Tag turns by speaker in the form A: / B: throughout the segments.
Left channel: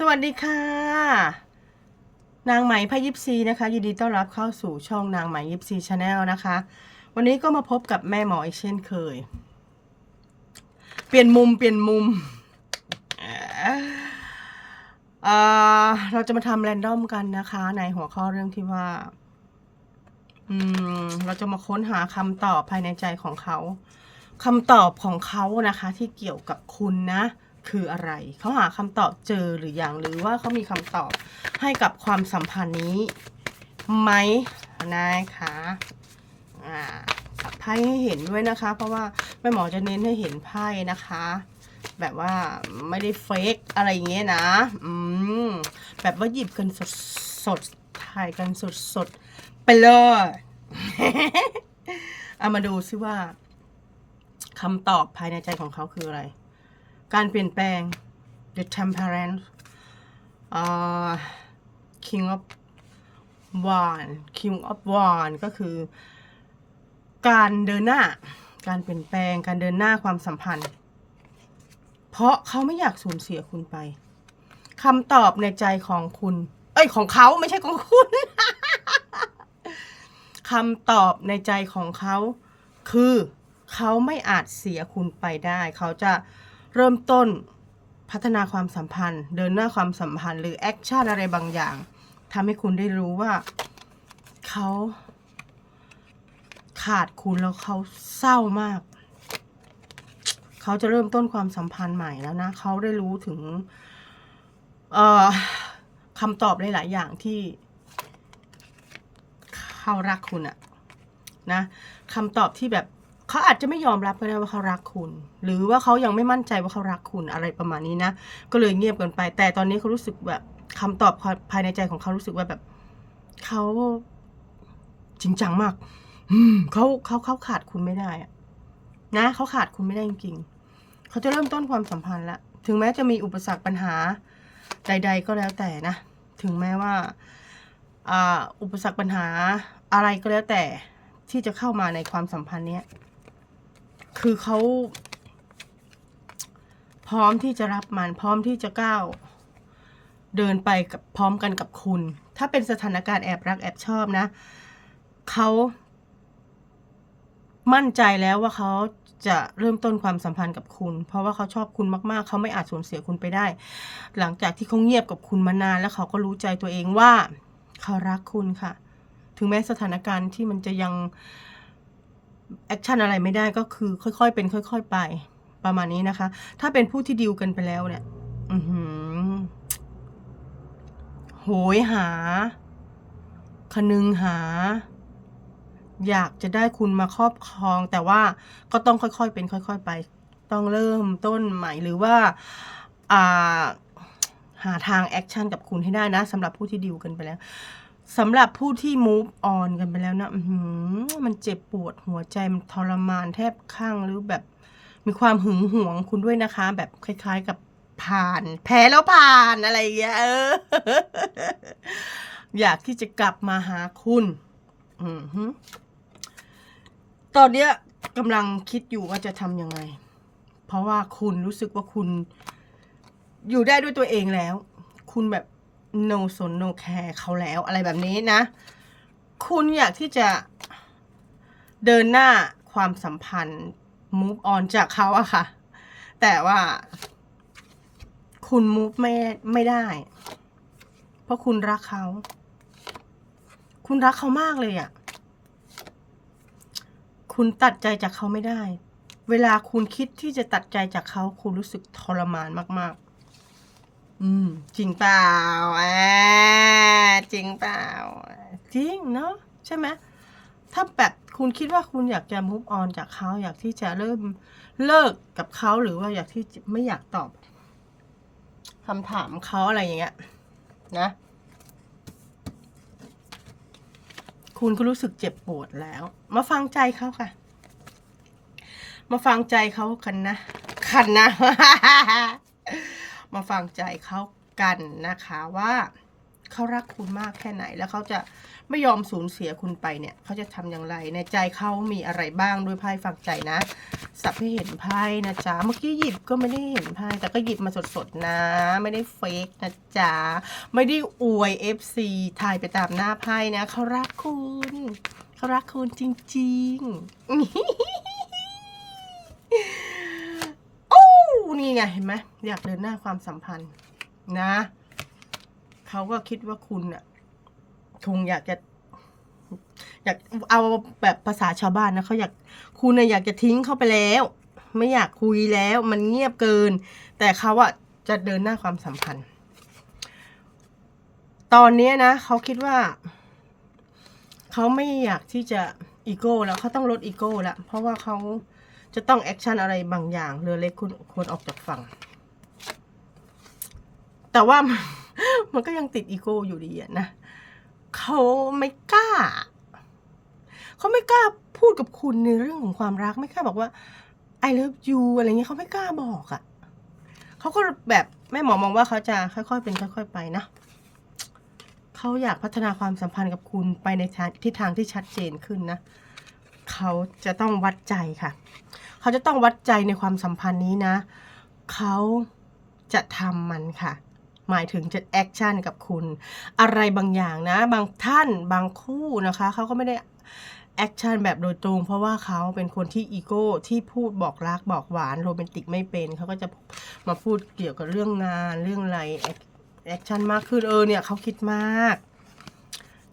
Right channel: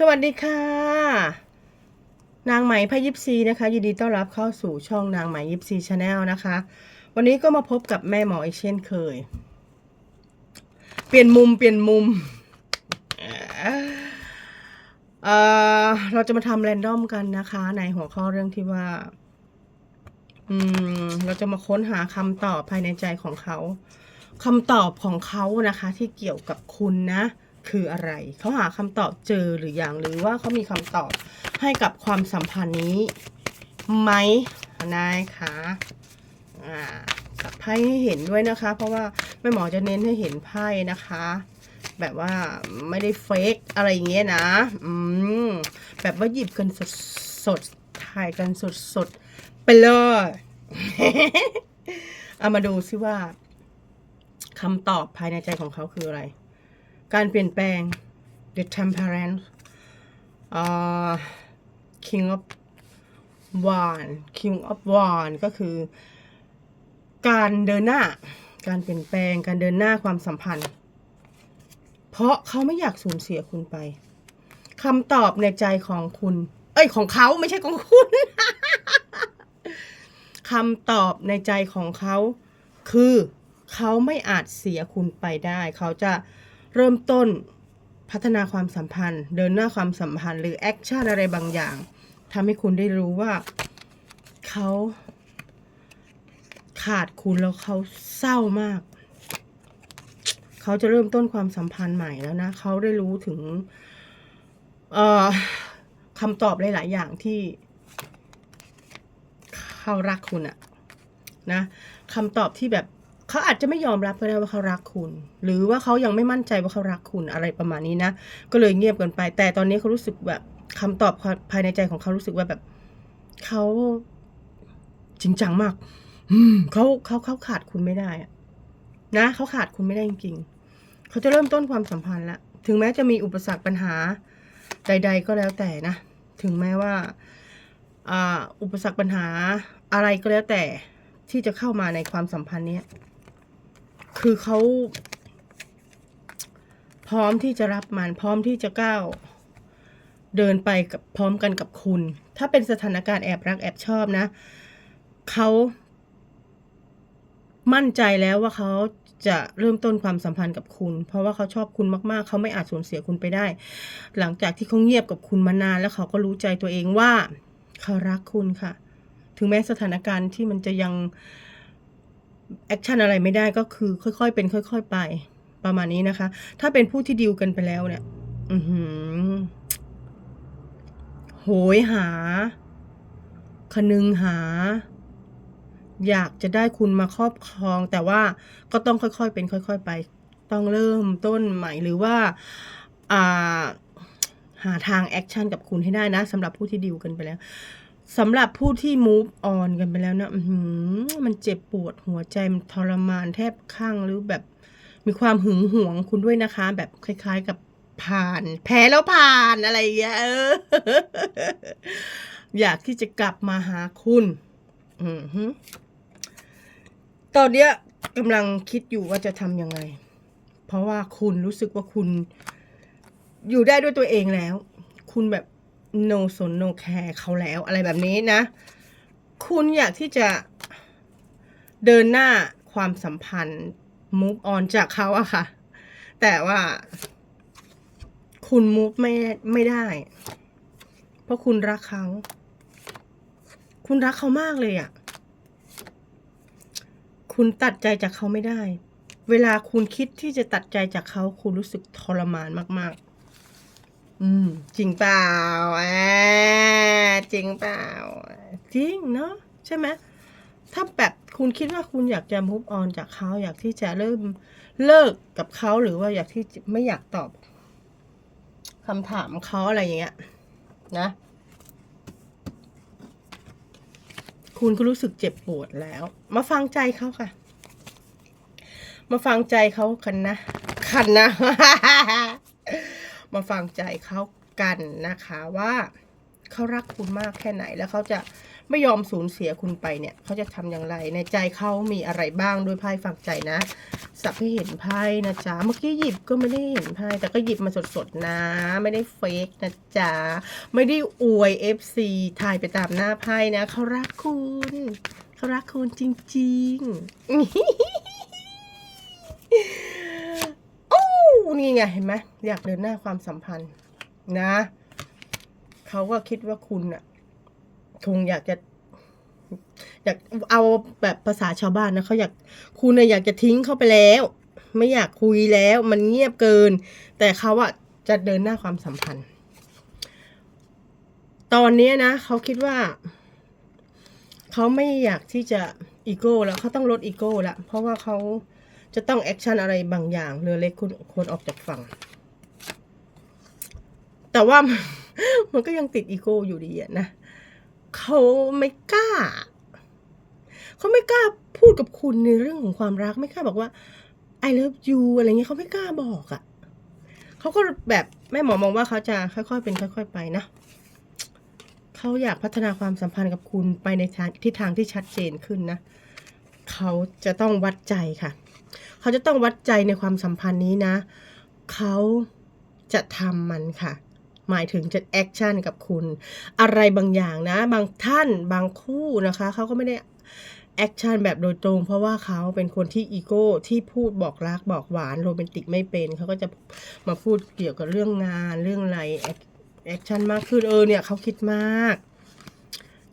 A: สวัสดีค่ะ นางไหมพยิปซีนะคะ ยินดีต้อนรับเข้าสู่ช่องนางไหมยิปซีชาแนลนะคะ วันนี้ก็มาพบกับแม่หมออีกเช่นเคย เปลี่ยนมุมเปลี่ยนมุมเอ่อเราจะมาทำแรนดอมกันนะคะ ในหัวข้อเรื่องที่ว่า อืม เราจะมาค้นหาคำตอบภายในใจของเขาคำตอบของเขานะคะ ที่เกี่ยวกับคุณนะ คืออะไร เขาหาคำตอบเจอหรืออยังหรือว่าเขามีคำตอบให้กับความสัมพันธ์นี้ไหมนะคะอ่าสับไพ่ให้เห็นด้วยนะคะ เพราะว่าแม่หมอจะเน้นให้เห็นไพ่นะคะ แบบว่าไม่ได้เฟกอะไรอย่างเงี้ยนะอืมแบบว่าหยิบกันสดสดถ่ายกันสดสดไปเลยเอามาดูซิว่าคำตอบภายในใจของเขาคืออะไร การเปลี่ยนแปลง the temperance อ่า king of wand king of wand ก็คือ การเดินหน้า การเปลี่ยนแปลง การเดินหน้าความสัมพันธ์ เพราะเขาไม่อยากสูญเสียคุณไปคำตอบในใจของคุณ เอ้ยของเขาไม่ใช่ของคุณคำตอบในใจของเขา คือเขาไม่อาจเสียคุณไปได้ เขาจะ เริ่มต้นพัฒนาความสัมพันธ์ เดินหน้าความสัมพันธ์ หรือแอคชั่นอะไรบางอย่างทำให้คุณได้รู้ว่าเขาขาดคุณแล้วเขาเศร้ามาก เขาจะเริ่มต้นความสัมพันธ์ใหม่แล้วนะ เขาได้รู้ถึงคำตอบหลาย ๆ อย่างที่ เขารักคุณอะนะคำตอบที่แบบ เขาอาจจะไม่ยอมรับก็ได้ว่าเขารักคุณ หรือว่าเขายังไม่มั่นใจว่าเขารักคุณอะไรประมาณนี้นะ ก็เลยเงียบกินไป แต่ตอนนี้เขารู้สึกแบบคำตอบภายในใจของเขารู้สึกว่าแบบเขาจริงจังมากอืมเขาเขาเขาขาดคุณไม่ได้อะนะเขาขาดคุณไม่ได้จริงๆเขาจะเริ่มต้นความสัมพันธ์ละถึงแม้จะมีอุปสรรคปัญหาใด ๆ ก็แล้วแต่นะ ถึงแม้ว่าอ่าอุปสรรคปัญหาอะไรก็แล้วแต่ที่จะเข้ามาในความสัมพันธ์เนี้ย คือเขาพร้อมที่จะรับมันพร้อมที่จะก้าวเดินไปกับพร้อมกันกับคุณ ถ้าเป็นสถานการณ์แอบรักแอบชอบนะเขามั่นใจแล้วว่าเขาจะเริ่มต้นความสัมพันธ์กับคุณ เพราะว่าเขาชอบคุณมาก ๆ เขาไม่อาจสูญเสียคุณไปได้ หลังจากที่เขาเงียบกับคุณมานาน แล้วเขาก็รู้ใจตัวเองว่าเขารักคุณค่ะ ถึงแม้สถานการณ์ที่มันจะยัง แอคชั่นอะไรไม่ได้ก็คือค่อยๆเป็นค่อย ๆ ไปประมาณนี้นะคะ ถ้าเป็นผู้ที่ดิวกันไปแล้วเนี่ย อือหือโหยหา คนึงหา อยากจะได้คุณมาครอบครอง แต่ว่าก็ต้องค่อยๆเป็นค่อย ๆ ไป ต้องเริ่มต้นใหม่หรือว่าอ่าหาทางแอคชั่นกับคุณให้ได้นะสำหรับผู้ที่ดิวกันไปแล้ว สำหรับผู้ที่ move on กันไปแล้วนะมันเจ็บปวดหัวใจมันทรมานแทบข้างหรือแบบ มีความหึงหวงคุณด้วยนะคะ แบบคล้ายๆกับผ่าน แพ้แล้วผ่านอะไรอย่างเงี้ยเออ อยากที่จะกลับมาหาคุณอือหือตอนเนี้ยกำลังคิดอยู่ว่าจะทำยังไง เพราะว่าคุณรู้สึกว่าคุณอยู่ได้ด้วยตัวเองแล้ว คุณแบบ no สน no care เขาแล้วอะไรแบบนี้นะ คุณอยากที่จะเดินหน้าความสัมพันธ์ move on จากเขาอะค่ะ แต่ว่าคุณ move ไม่ไม่ได้ เพราะคุณรักเขา คุณรักเขามากเลยอะคุณตัดใจจากเขาไม่ได้ เวลาคุณคิดที่จะตัดใจจากเขา คุณรู้สึกทรมานมาก ๆ อืม จริงเปล่าอ่าจริงเปล่า จริงเนาะใช่ไหมถ้าแบบคุณคิดว่าคุณอยากจะ move on จากเขาอยากที่จะเริ่มเลิกกับเขาหรือว่าอยากที่ไม่อยากตอบคำถามเขาอะไรอย่างเงี้ย นะ คุณก็รู้สึกเจ็บปวดแล้ว มาฟังใจเขาค่ะ มาฟังใจเขากันนะคันนะ มาฟังใจเขากันนะคะว่าเขารักคุณมากแค่ไหนแล้วเขาจะไม่ยอมสูญเสียคุณไปเนี่ยเขาจะทำอย่างไร ในใจเขามีอะไรบ้างด้วยไพ่ฝักใจนะ สับที่เห็นไพ่นะจ๊ะเมื่อกี้หยิบก็ไม่ได้เห็นไพ่แต่ก็หยิบมาสดๆนะ ไม่ได้เฟกนะจ๊ะไม่ได้อวย FC ถ่ายไปตามหน้าไพ่นะเขารักคุณเขารักคุณจริง ๆ นี่ไงเห็นไหมอยากเดินหน้าความสัมพันธ์นะ เขาก็คิดว่าคุณอะคงอยากจะ อยากเอาแบบภาษาชาวบ้านนะเขาอยากคุณน่ะอยากจะทิ้งเขาไปแล้ว ไม่อยากคุยแล้ว มันเงียบเกิน แต่เขาอะจะเดินหน้าความสัมพันธ์ ตอนนี้นะเขาคิดว่าเขาไม่อยากที่จะอีโก้แล้วเขาต้องลดอีโก้แล้วเพราะว่าเขา จะต้องแอคชั่นอะไรบางอย่างเรือเล็กคุณควรออกจากฝั่ง แต่ว่ามันมันก็ยังติดอีโก้อยู่ดีอะนะเขาไม่กล้า เขาไม่กล้าพูดกับคุณในเรื่องของความรักไม่กล้าบอกว่า I love you อะไรเงี้ยเขาไม่กล้าบอกอะเขาก็แบบแม่หมอมองว่าเขาจะค่อยๆเป็นค่อย ๆ ไปนะเขาอยากพัฒนาความสัมพันธ์กับคุณไปในทิศทางที่ชัดเจนขึ้นนะ เขาจะต้องวัดใจค่ะ เขาจะต้องวัดใจในความสัมพันธ์นี้นะ เขาจะทำมันค่ะ หมายถึงจะแอคชั่นกับคุณ อะไรบางอย่างนะ บางท่านบางคู่นะคะ เขาก็ไม่ได้แอคชั่นแบบโดยตรง เพราะว่าเขาเป็นคนที่อีโก้ที่พูดบอกรักบอกหวานโรแมนติกไม่เป็นเขาก็จะมาพูดเกี่ยวกับเรื่องงานเรื่องอะไรแอคชั่นมากขึ้นเออเนี่ยเขาคิดมาก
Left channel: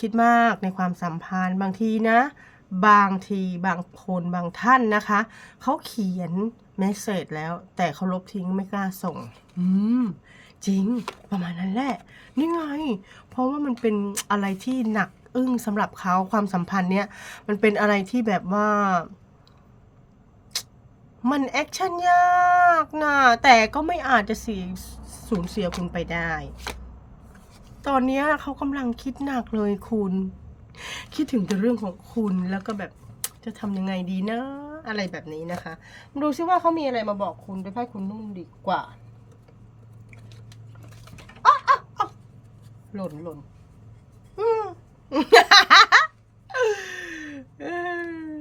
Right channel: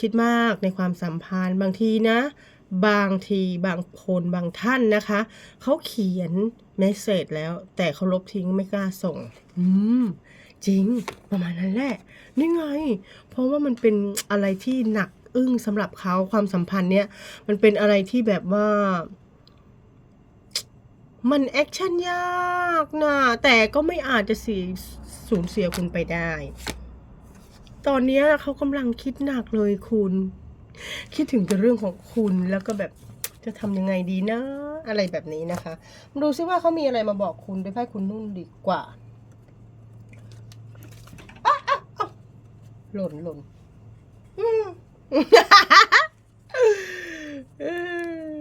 A: คิดมากในความสัมพันธ์บางทีนะ บางทีบางคนบางท่านนะคะ เขาเขียนเมสเซจแล้ว แต่เขาลบทิ้งไม่กล้าส่ง อืม จริงประมาณนั้นแหละ นี่ไง เพราะว่ามันเป็นอะไรที่หนักอึ้งสำหรับเขาความสัมพันธ์เนี้ยมันเป็นอะไรที่แบบว่า มันแอคชั่นยากนะแต่ก็ไม่อาจจะเสียสูญเสียคุณไปได้ ตอนเนี้ยเขากำลังคิดหนักเลยคุณ คิดถึงแต่เรื่องของคุณแล้วก็แบบจะทำยังไงดีนะ อะไรแบบนี้นะคะดูซิว่าเขามีอะไรมาบอกคุณด้วยไพ่คุณนุ่นดีกว่าหล่นหล่นอืมเอ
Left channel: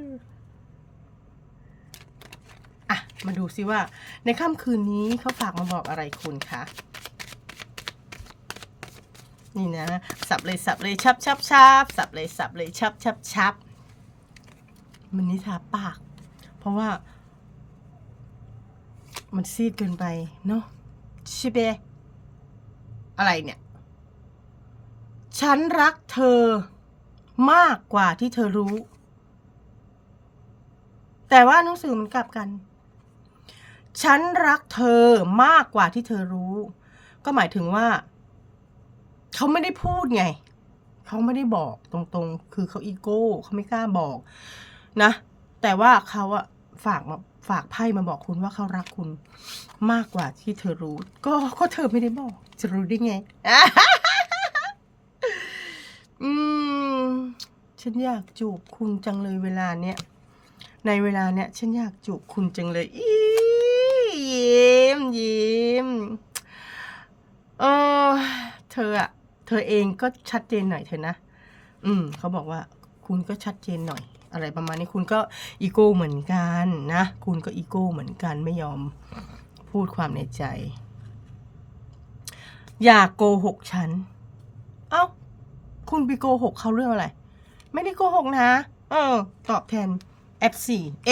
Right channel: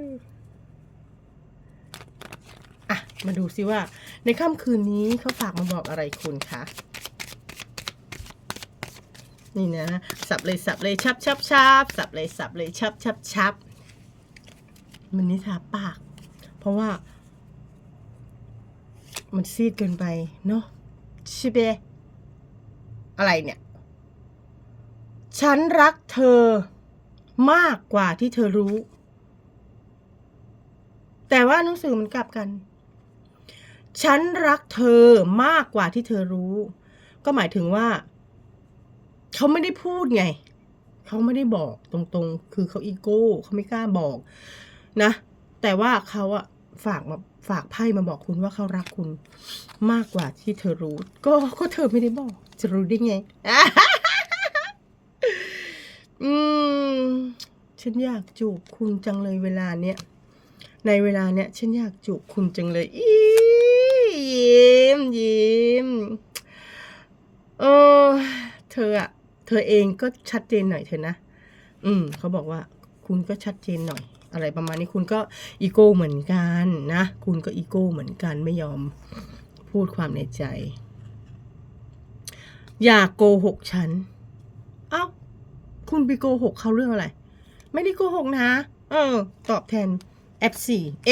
A: ออะมาดูซิว่า ในค่ำคืนนี้เขาฝากมาบอกอะไรคุณคะ นี่นะสับเลยสับเลยชับชับชับสับเลยสับเลยชับชับชับมันนิทาปาก เพราะว่า มันซีดเกินไปเนาะช่เปะอะไรเนี่ย ฉันรักเธอมากกว่าที่เธอรู้ แต่ว่าหนังสือมันกลับกัน ฉันรักเธอมากกว่าที่เธอรู้ ก็หมายถึงว่า เขาไม่ได้พูดไง เขาไม่ได้บอกตรงๆ คือเขาอีโก้เขาไม่กล้าบอกนะ แต่ว่าเขาอะฝากมาฝากไพ่มาบอกคุณว่าเขารักคุณมากกว่าที่เธอรู้ ก็ก็เธอไม่ได้บอก จะรู้ได้ไง อืม ฉันอยากจูบคุณจังเลยเวลาเนี้ย ในเวลาเนี้ยฉันอยากจูบคุณจังเลยอียิ้มยิ้มเออเธออะ เธอเองก็ชัดเจนหน่อยเถอะนะ อืมเขาบอกว่าคุณก็ชัดเจนหน่อย อะไรประมาณนี้คุณก็อีโก้เหมือนกันนะ คุณก็อีโก้เหมือนกันไม่ยอมพูดความในใจ อย่าโกหกฉัน เอ้า คุณไปโกหกเขาเรื่องอะไร ไม่ได้โกหกนะ เออ ตอบแทน FC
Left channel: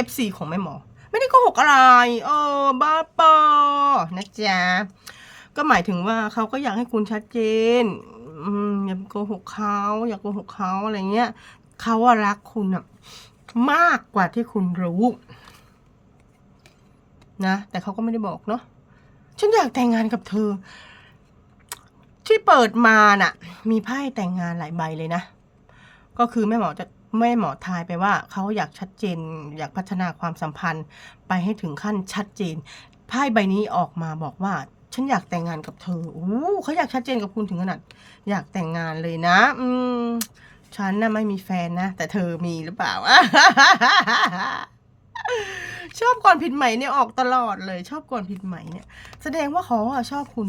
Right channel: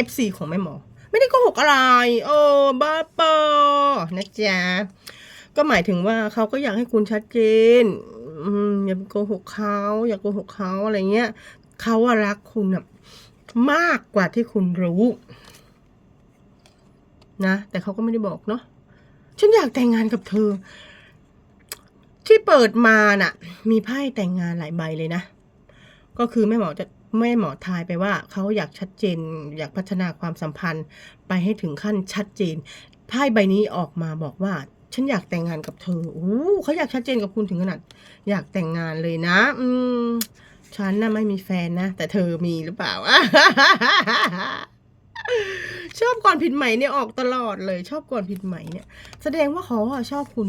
A: FC ของแม่หมอ ไม่ได้โกหกอะไร เออ บ้าปอนะจ๊ะก็หมายถึงว่าเขาก็อยากให้คุณชัดเจน อย่าโกหกเขาอย่าโกหกเขาอะไรเงี้ยเขาว่ารักคุณอะมากกว่าที่คุณรู้ นะแต่เขาก็ไม่ได้บอกเนาะฉันอยากแต่งงานกับเธอ ที่เปิดมาน่ะ มีไพ่แต่งงานหลายใบเลยนะ ก็คือแม่หมอจะแม่หมอทายไปว่าเขาอยากชัดเจน อยากพัฒนาความสัมพันธ์ไปให้ถึงขั้นชัดเจนไพ่ใบนี้ออกมาบอกว่า ฉันอยากแต่งงานกับเธอโอ้เขาอยากชัดเจนกับคุณถึงขนาด อยากแต่งงานเลยนะ อืม ฉันน่ะไม่มีแฟนนะ แต่เธอมีหรือเปล่า ชอบก่อนผิดใหม่เนี่ยออกตลอดเลย ชอบก่อนผิดใหม่เนี่ย แสดงว่าเขาอะชอบคุณ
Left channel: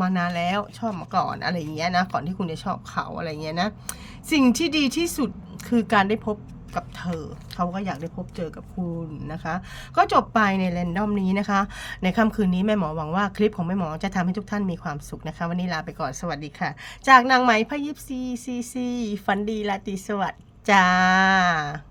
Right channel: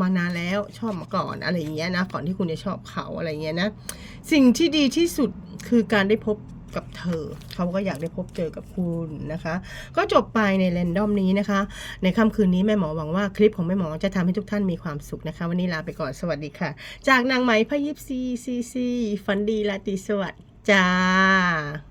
A: มานานแล้ว ชอบมาก่อนอะไรอย่างเงี้ยนะ ก่อนที่คุณจะชอบเขาอะไรอย่างเงี้ยนะ สิ่งที่ดีที่สุดคือการได้พบ กับเธอ เขาก็อยากได้พบเจอกับคุณนะคะ ก็จบไปในแรนดอมนี้นะคะ ในค่ำคืนนี้แม่หมอหวังว่าคลิปของแม่หมอจะทำให้ทุกท่านมีความสุขนะคะ วันนี้ลาไปก่อนสวัสดีค่ะ จากนางไหมพยิบซีซีซีฟันดีลาตรีสวัสดิ์จ้า